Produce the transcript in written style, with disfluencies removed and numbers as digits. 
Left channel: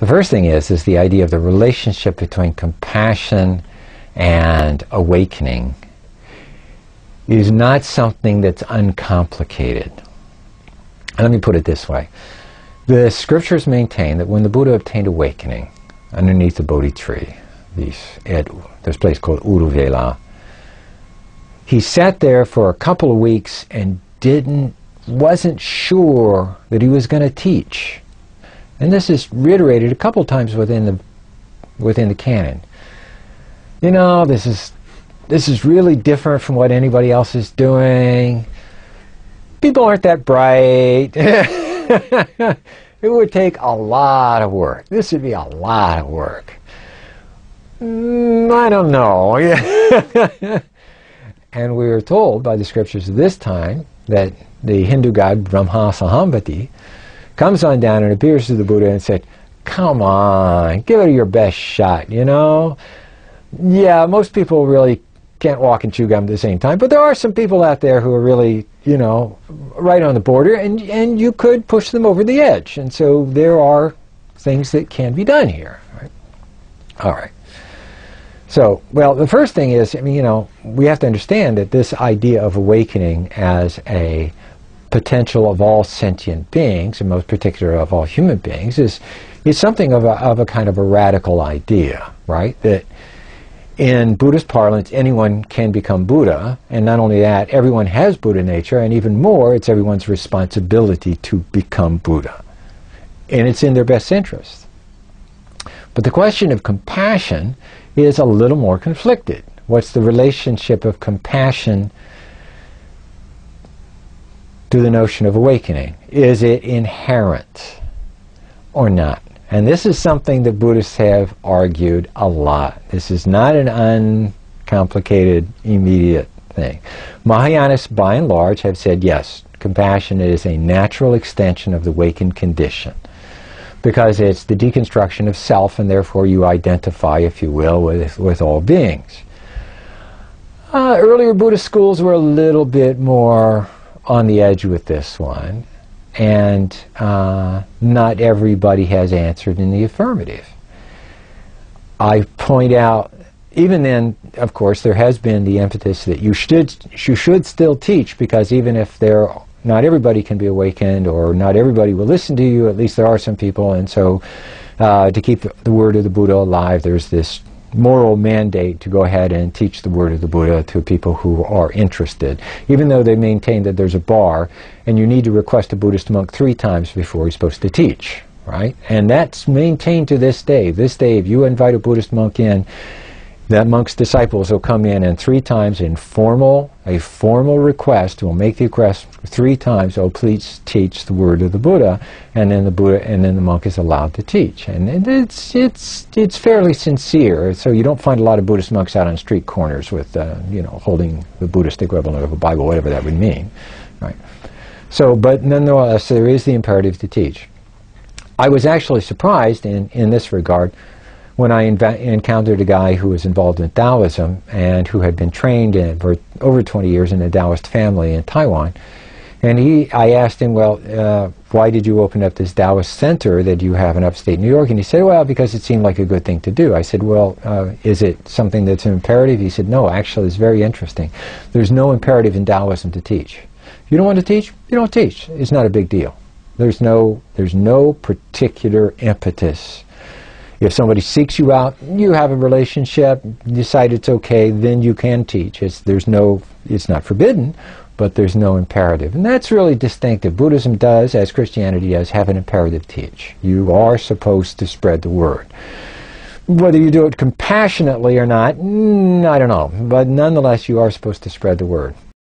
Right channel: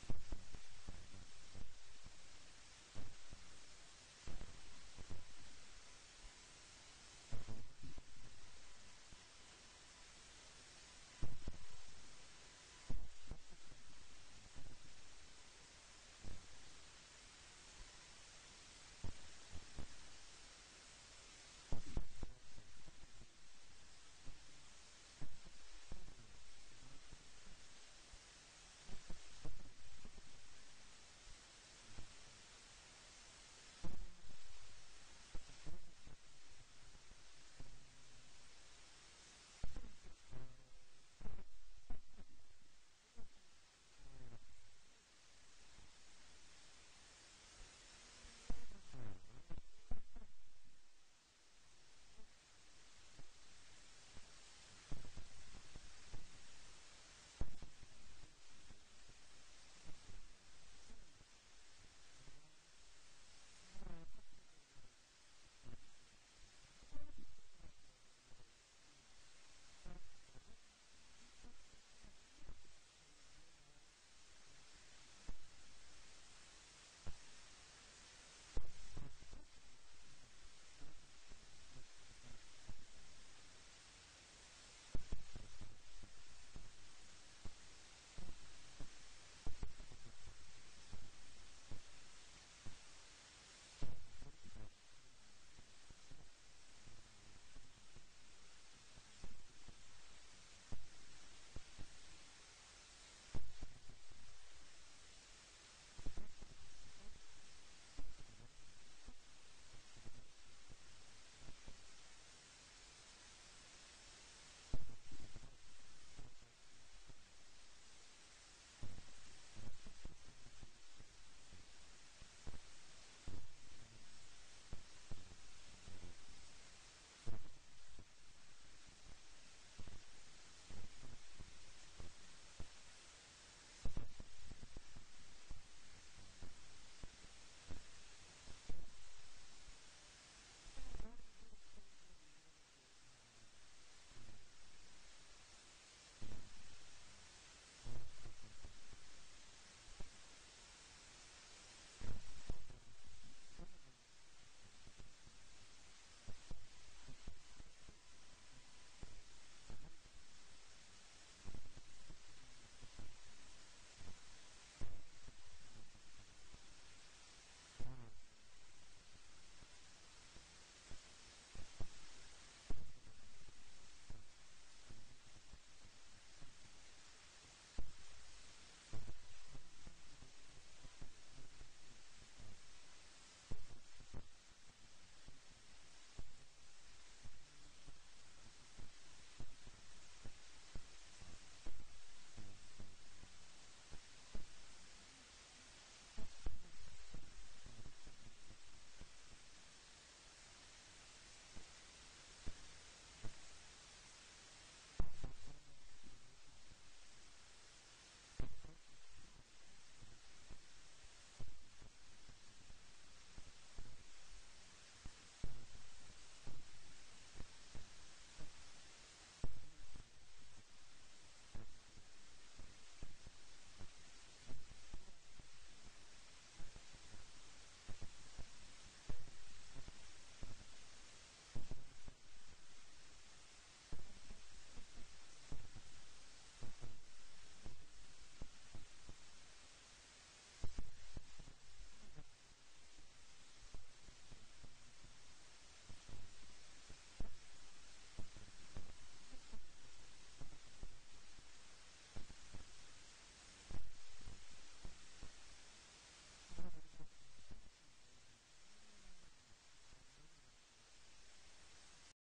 The first thing is the idea of the relationship between compassion and awakening is not something that's uncomplicated. Let me put it this way. The scriptures maintain that when the Buddha obtained awakening underneath the Bodhi tree, there's a place called Uruvela, he sat there for a couple of weeks and wasn't sure that he was going to teach. And this is reiterated a couple of times within the canon. You know, this is really different from what anybody else is doing. People aren't that bright. It would take a lot of work. This would be a lot of work. I don't know. And we were told by the scriptures of this time that the Hindu god Brahma Sahambhati comes on down and appears to the Buddha and said, come on, give it your best shot, you know? Yeah, most people really can't walk and chew gum at the same time, but there are some people out there who are really, you know, right on the border, and you could push them over the edge. And so there are things that can be done here. Right? All right. So, well, the first thing is, I mean, you know, we have to understand that this idea of awakening as a potential of all sentient beings, and most particular of all human beings, is something of a kind of a radical idea, right? That in Buddhist parlance, anyone can become Buddha, and not only that, everyone has Buddha nature, and even more, it's everyone's responsibility to become Buddha. And it's in their best interest. But the question of compassion is a little more conflicted. What's the relationship of compassion to the notion of awakening? Is it inherent or not? And this is something that Buddhists have argued a lot. This is not an uncomplicated, immediate thing. Mahayanists, by and large, have said, yes, compassion is a natural extension of the awakened condition, because it's the deconstruction of self, and therefore you identify, if you will, with all beings. Earlier Buddhist schools were a little bit more on the edge with this one, and not everybody has answered in the affirmative. I point out, even then, of course, there has been the impetus that you should still teach, because even if not everybody can be awakened, or not everybody will listen to you, at least there are some people, and so to keep the word of the Buddha alive, there's this moral mandate to go ahead and teach the word of the Buddha to people who are interested, even though they maintain that there's a bar, and you need to request a Buddhist monk 3 times before he's supposed to teach, right? And that's maintained to this day. This day, if you invite a Buddhist monk in, that monk's disciples will come in and 3 times in a formal request, will make the request 3 times, oh, please teach the word of the Buddha, and then the monk is allowed to teach. And it's fairly sincere, so you don't find a lot of Buddhist monks out on street corners with, you know, holding the Buddhist equivalent of a Bible, whatever that would mean, right? So, but nonetheless, there is the imperative to teach. I was actually surprised in this regard when I encountered a guy who was involved in Taoism and who had been trained for over 20 years in a Taoist family in Taiwan. And I asked him, well, why did you open up this Taoist center that you have in upstate New York? And he said, well, because it seemed like a good thing to do. I said, well, is it something that's an imperative? He said, no, actually, it's very interesting. There's no imperative in Taoism to teach. If you don't want to teach, you don't teach. It's not a big deal. There's no particular impetus. If somebody seeks you out, you have a relationship, decide it's okay, then you can teach. It's not forbidden, but there's no imperative. And that's really distinctive. Buddhism does, as Christianity does, have an imperative teach. You are supposed to spread the word. Whether you do it compassionately or not, I don't know. But nonetheless, you are supposed to spread the word.